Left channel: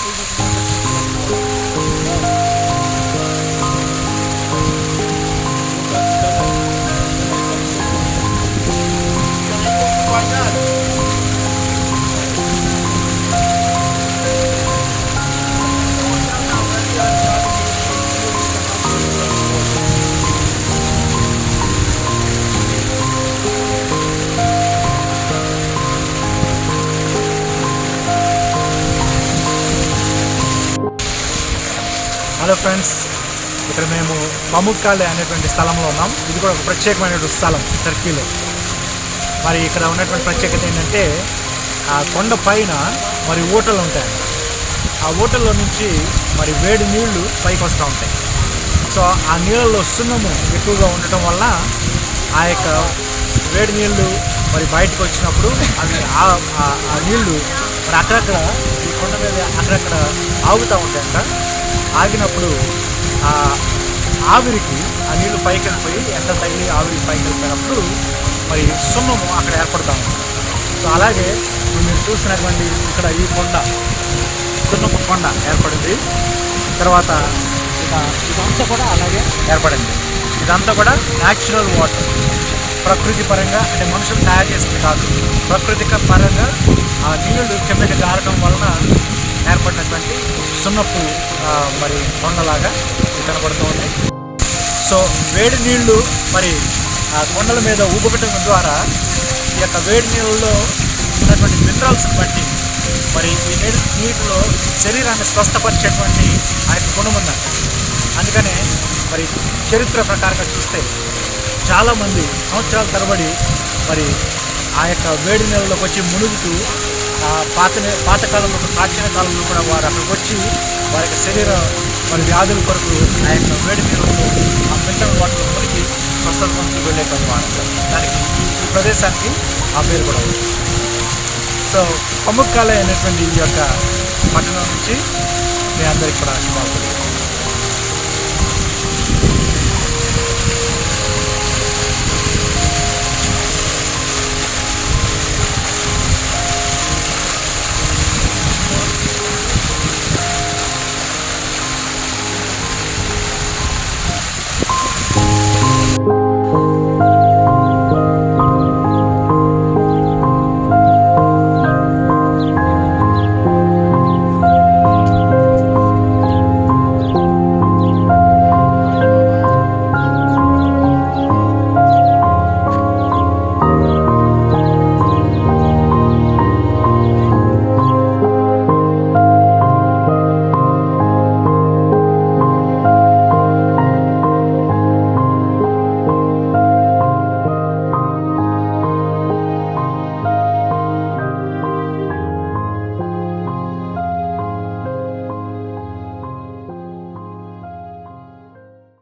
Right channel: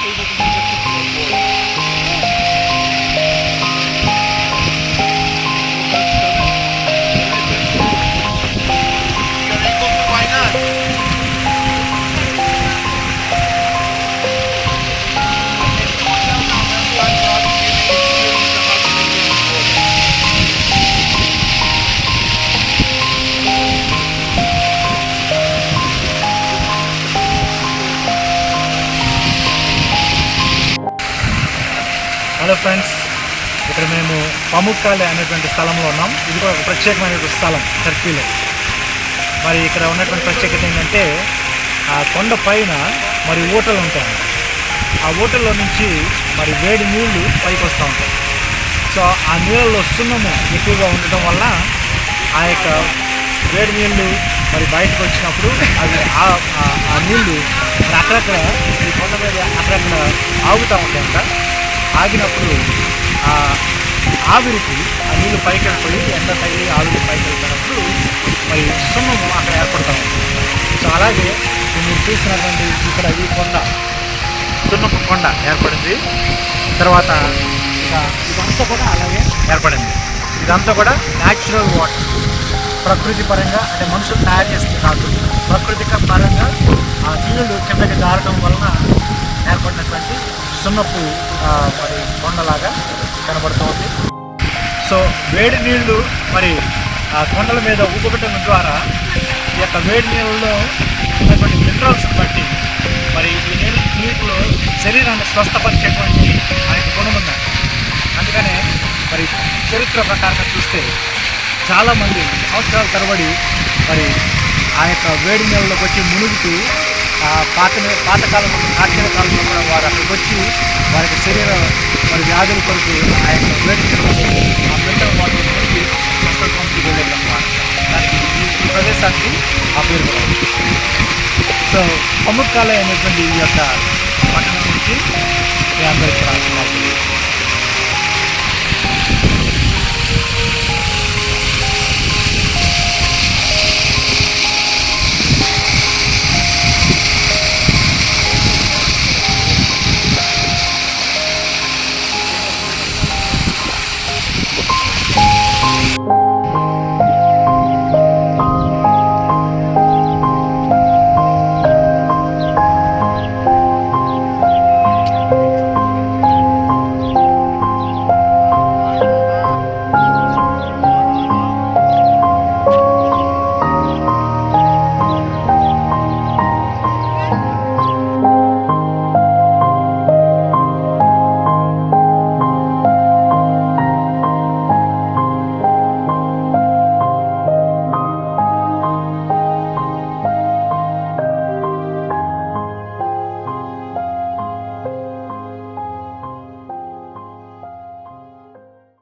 Why not? Hello friends, ఇక్కడ మేము పముక్కాలే అనేటువంటి స్థలంలో ఉన్నాం. ఇది కూడా ఒక ప్రత్యేకమైనటువంటి స్థలం టర్కీలో. మరి ఇక్కడ ఉన్నటువంటి ప్రత్యేకత ఏంటంటే ఆ కొండ పైన మరి ఊటలు ఉంటాయంట. ఆ ఊటల్లో నుంచి మరి వేడి నీళ్లు పైకి వస్తూ ఉంటాయి. సో ఆ నీళ్ళలో సున్నము ఎక్కువగా ఉండటం వల్ల ఆ యొక్క వేడి నీళ్లు మరి బయటకు వచ్చినప్పుడు అవి ఆ నీళ్లు మరి అక్కడక్కడ ఈ కొండ మీద అక్కడక్కడ ఆగుతూ ఉంటాయంట. ఆగినప్పుడు ఆ ఆవిరికి ఆ నీళ్లు పైకి వెళ్ళిపోయి ఎండ తగిలి ఆవిరి పైకి వెళ్ళిపోయినప్పుడు మరి సున్నము అక్కడ ఏర్పడుతూ ఉంటుందంట. సో అలాగే ఇప్పుడు మీరు చూస్తున్నటువంటి ఇక్కడ ఈ కొండ సున్నపు కొండ ఏర్పడింది. తర్వాత ఇదంతా కూడా అలాగే ఏర్పడింది. ఇదంతా కూడా న్యాచురల్ వాటర్, ప్రకృతి పరంగా, అంటే మనుషులు తయారు చేస్తుంది కాదు, ప్రకృతి పరంగా ఆ నీళ్లు కిందకి జారటం వలన ఏర్పడినటువంటి సున్నపు మరి కొండలాగా కనబడుతోంది. సో వేడి నీళ్లు మరి ఆ కొండల మీద ఊబగటం ద్వారా ఈ యొక్క వేడి నీళ్ళలో ఉన్నటువంటి మినరల్స్ని బట్టి మరి ఈ నీటిలో శరీరాన్ని స్వస్థపరిచేటువంటి ఆ యొక్క గుణం ఉందంట. అందుకనే మరి చరిత్ర ప్రకారంగా చూస్తే చాలామంది సంవత్సరాల తరబడి మరి ఆ యొక్క వేడి నీళ్ళలోకి వచ్చి మునుగుతూ పాతకాలంలో ప్రాచీన కాలంలో కూడా వారు అక్కడికి వచ్చి వారి యొక్క శరీర మరి వ్యాధుల కొరకు ఆ యొక్క వేడి నీళ్ళలో ఆ మినరల్ వాటర్ మునిగి స్వస్థత పొందుతూ వెళ్ళేటువంటి వారు. దానికి ఈ ప్రదేశానికి ఆ పేరు కూడా ఉంది. సో పముక్కాలే అనేటువంటి ఈ యొక్క పట్టణం నుంచి మీ అందరికీ కూడా శుభాకాంక్షలు.